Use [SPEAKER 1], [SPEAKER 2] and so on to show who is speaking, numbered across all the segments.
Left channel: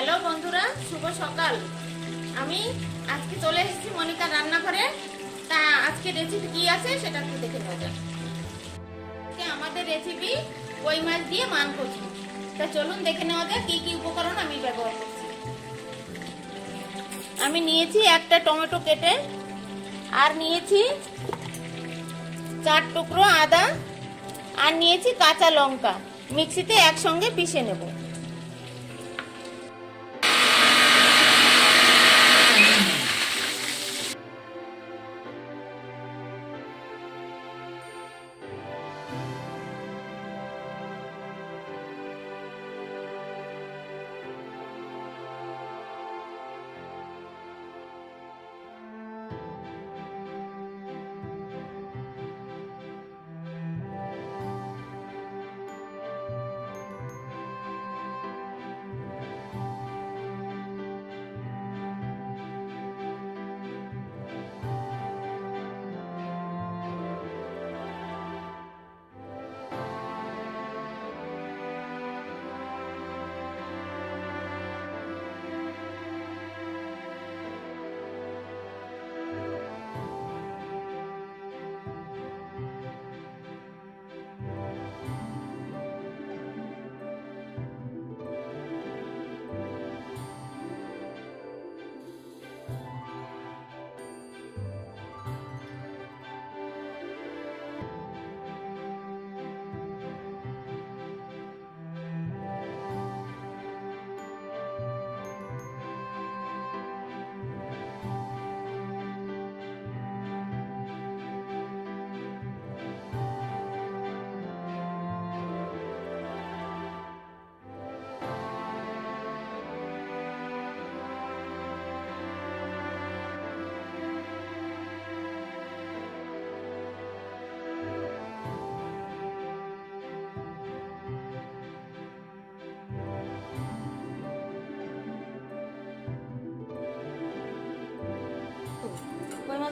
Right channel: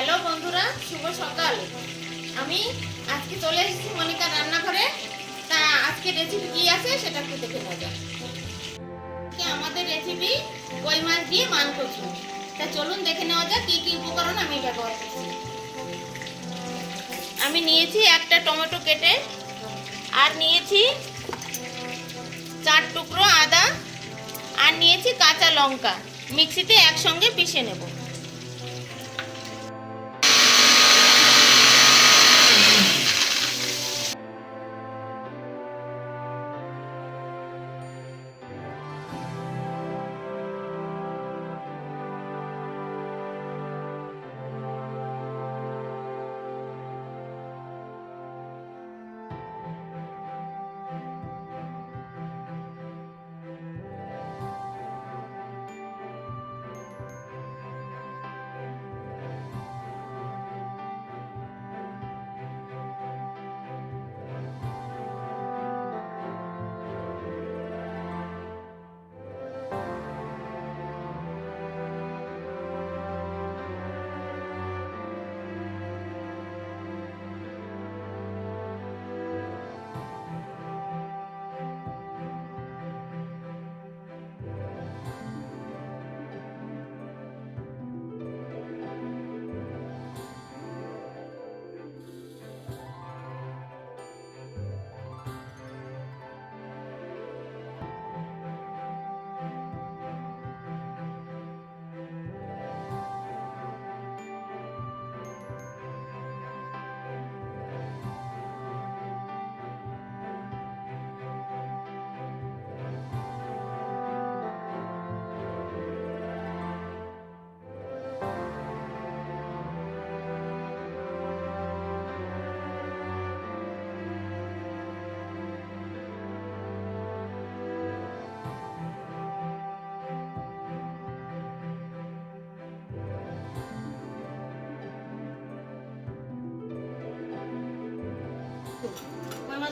[SPEAKER 1] Hello বন্ধুরা, শুভ সকাল। আমি আজকে চলে এসেছি মনিকা রান্নাঘরে। তা আজকে রেসিপি কি আছে সেটা একটু দেখে নেওয়া যাক। আমাদের রেসিপি কই মাছ দিয়ে মান করছি তা চলুন দেখে নেওয়া যাক কী কী উপকরণ আমি ব্যবহার করছি। আমি নিয়েছি একটা টমেটো কেটে, আর নিয়েছি চার টুকরো আদা, আর নিয়েছি কাঁচা লঙ্কা। মিক্সিতে একসঙ্গে পিষে নেব।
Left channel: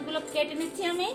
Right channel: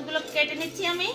[SPEAKER 1] মাছগুলো কেটে নিচ্ছি আমি।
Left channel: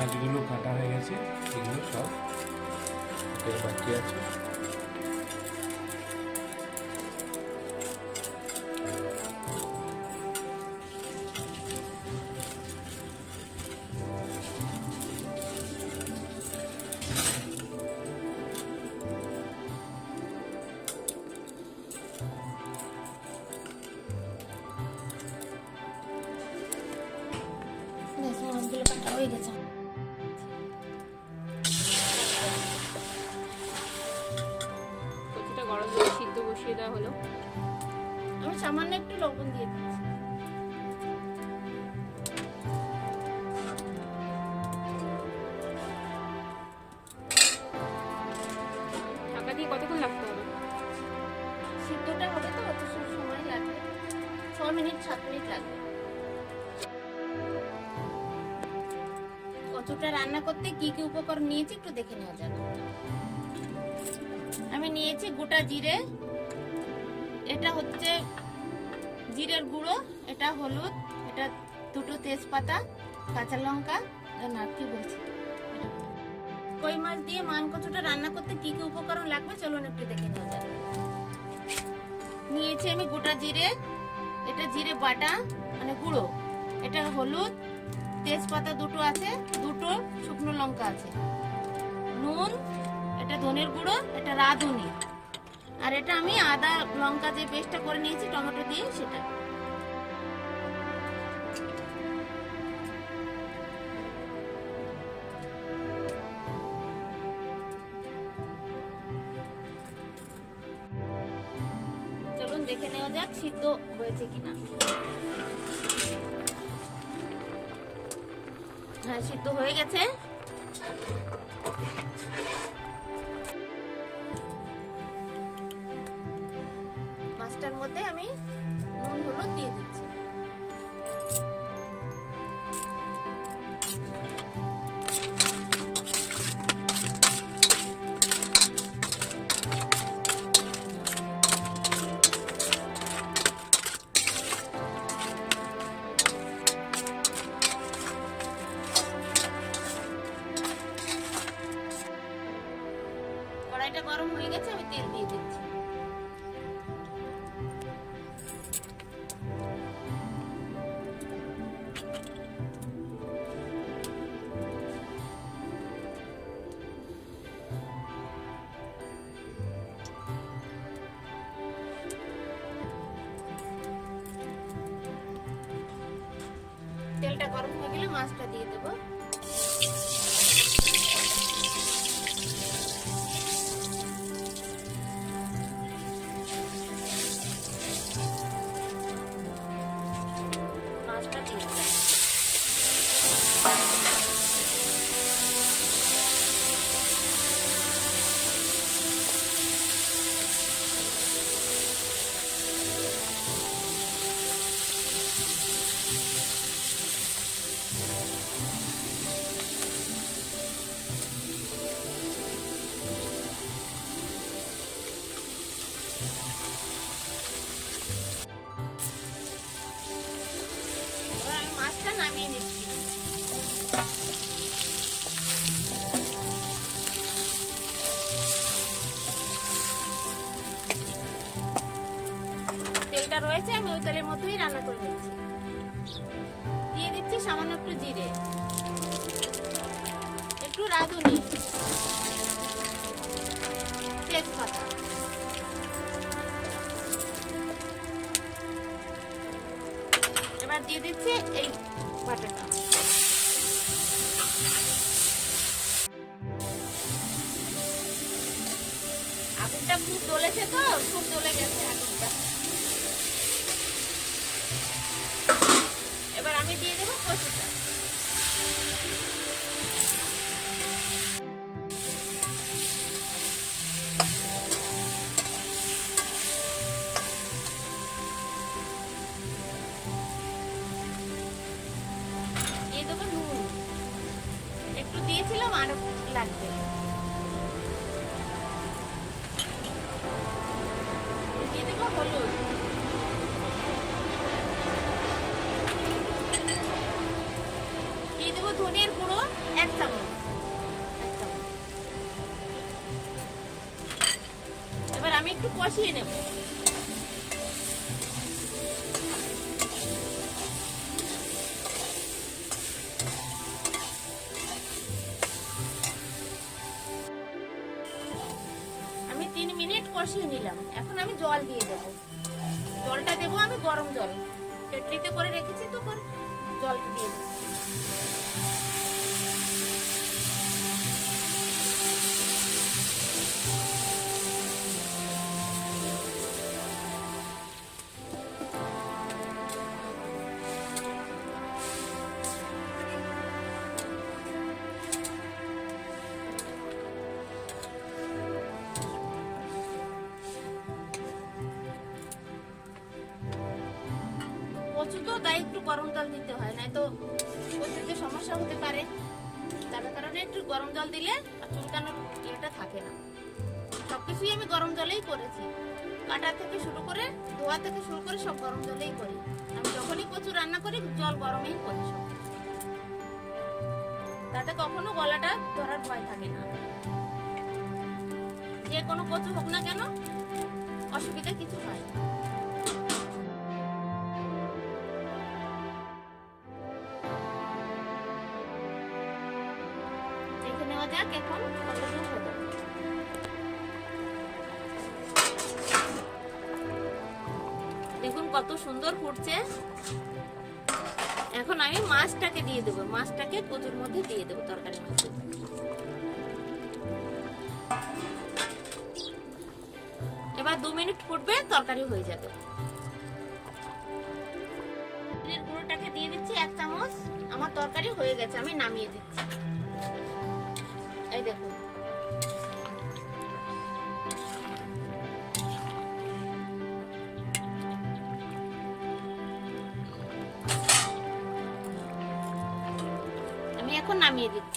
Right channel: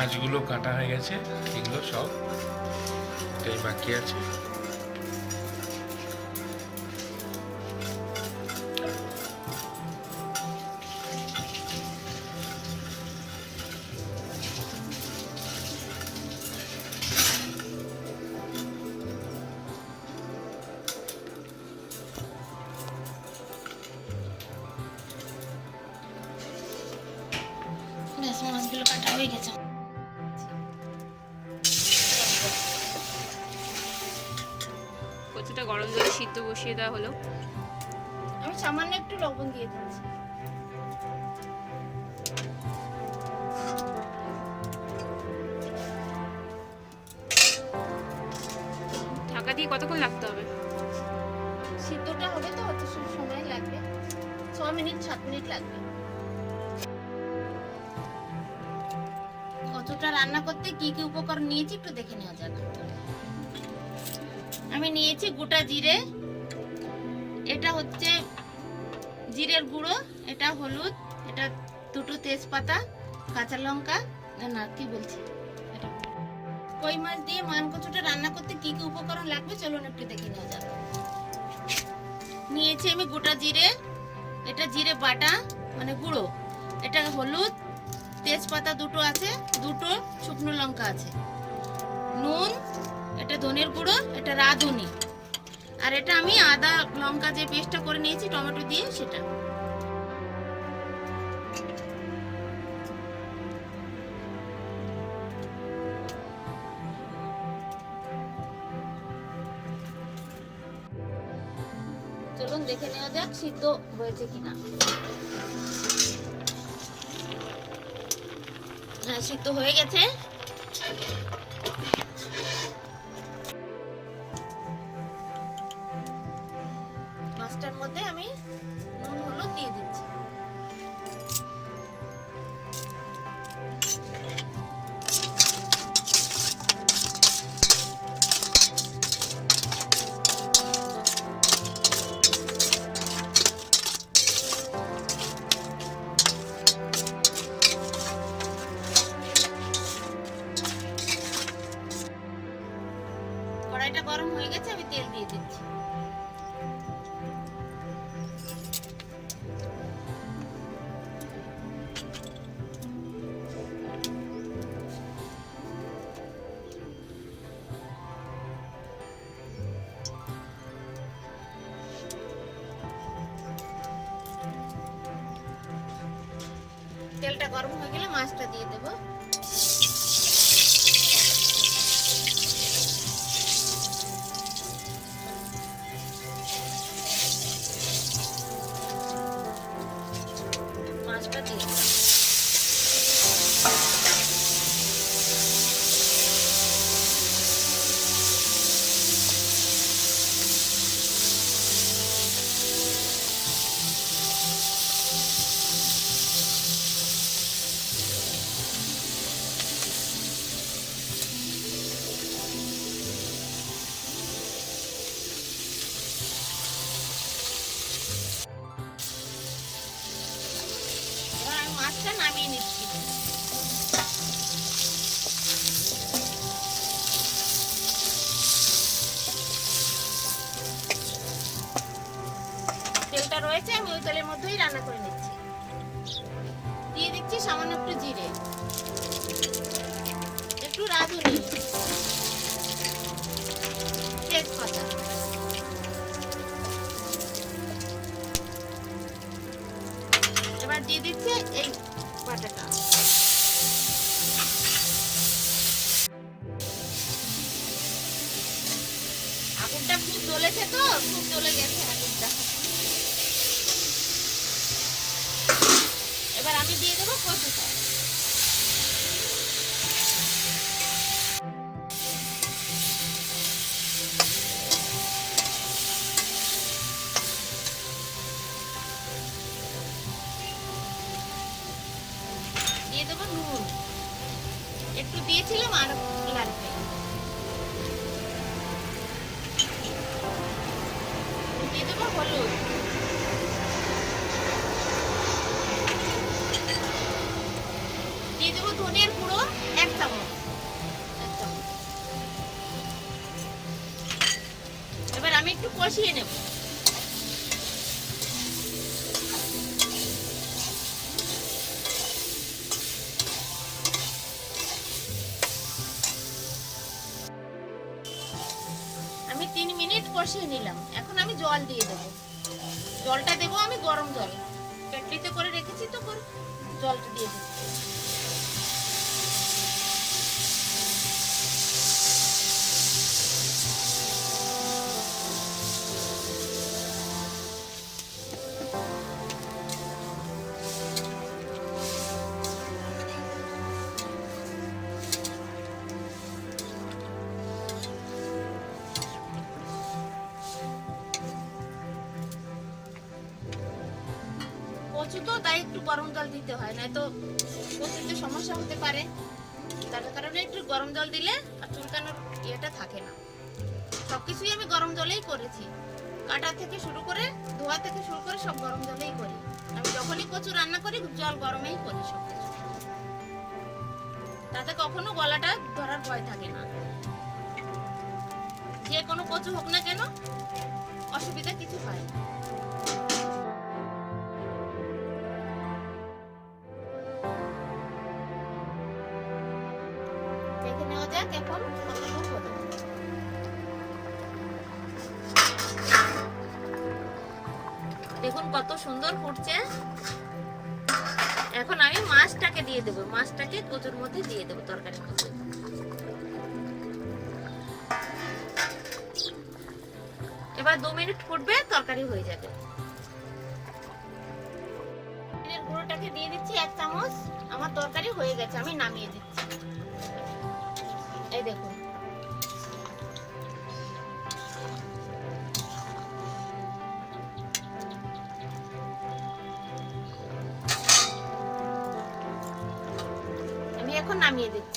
[SPEAKER 2] মাছগুলো কাটা হয়ে গেছে এগুলো সব এটাই বাকি আছে।
[SPEAKER 1] মাছগুলো কাটা হয়ে গেছে।
[SPEAKER 3] গরম জলে সিদ্ধ বসিয়ে দেওয়া হলো।
[SPEAKER 1] আমি সামান্য একটু লবণ দিয়ে দিচ্ছি।
[SPEAKER 3] ঢাকা দিয়ে কতক্ষণ লাগতে হবে?
[SPEAKER 1] সিদ্ধটা হবে তো অত সম- সময় লাগবে। ছ মিনিট সাত মিনিট লাগবে। কতটা রান্না করতে কি কি উপকরণ নিয়েছি একটু দেখে নেওয়া যাক। আমি নিয়েছি গোটা জিরে। এটা হচ্ছে জিরের গুঁড়ো, এটা হলুদ, এটা দুটো তেজপাতা, কাঁচা লঙ্কা না, কি বলছি? এটা কই মাছ দিয়ে মান কচুটা রান্না করতে কি কি উপকরণ লাগবে? চলুন একটু দেখে নেওয়া যাক। নিয়েছি আমি গোটা জিরে, এটা জিরে বাটা মানে গুঁড়ো। এটা হলুদ, তেজপাতা দুটো আছে, দুটো শুকনো লঙ্কা আছে। নুন এটা ধনের গুঁড়ো এটা রাঁধুনি। আর এটা আমি আদা, লঙ্কা যে পেস্টটা করে নিয়েছি, টমেটো দিয়ে সেটা। চলুন দেখে নেওয়া যাক সিদ্ধ হয়েছে কিনা। হ্যাঁ সিদ্ধ হয়ে গেছে। কড়াইটা গরম হয়ে গেছে, আমি তেল দিয়ে দিচ্ছি। তেলটা গরম হয়ে গেলে মাছটা দিয়ে দেবো। রয়েছে আমি ওই তেলের মধ্যেই রান্না করে নিচ্ছি। দিয়ে দিচ্ছি সামান্য একটু জিরে। একটু রাঁধুনি তেজপাতা এবার দিয়ে দিচ্ছি এই আগুনটা খুব জ্বলেছে তো, খুব জ্বলে গেছে আগুনটা। এবার আমি দিয়ে দেবো কচুটা। দিয়ে দেবো নুন। একটু দিয়েছিলাম আর দিয়ে দেবো ধনিয়ার গুঁড়ো, এক চামচ। এবার আমি একটু কষিয়ে নেব। আমি তিন মিনিট কষিয়ে নিলাম। এখন আমি জল দিয়ে দেবো। জলটা দেবো আমি গরম জল। কেটলিতে করে রেখেছি তো জলটা দিয়ে দেবো গরম জল দিতে হয় না তো কচুতে সমস্যা হতে পারে। তার কারণে একটু গরম জল দিলে আর চুলকানোর ইয়েটা থাকে না। সবকিছুই আমি গরম জলেই করেছি। কাটা থেকে শুরু করে ধোয়া থেকে শুরু করে সব গরম জলেই করি। আমি যখনই কচু রান্না করি, জল গরমেই করি সব। তাতে কখনো গলাটা ধরার ভয় থাকে না। যে কোনো কচু হোক না কেন, অসুবিধা কিছু হয় না। যাক এখন কতটুকু হলো। দেখুন কত সুন্দর ফুটছে। এখন আমি মাছটাকে দিয়ে দেবো, মাছটাকে কচুর মধ্যে দিয়ে দেবো তরকারির মধ্যে। এবার দু মিনিট ফুটবে, তরকারি হয়ে যাবে। গুঁড়োটাকে দিয়ে দিচ্ছি এক চামচ। আমার তরকারি হয়ে গেছে, আমি নামিয়ে দিচ্ছি। এই দেখুন। আমি এখন নামিয়ে দিচ্ছি।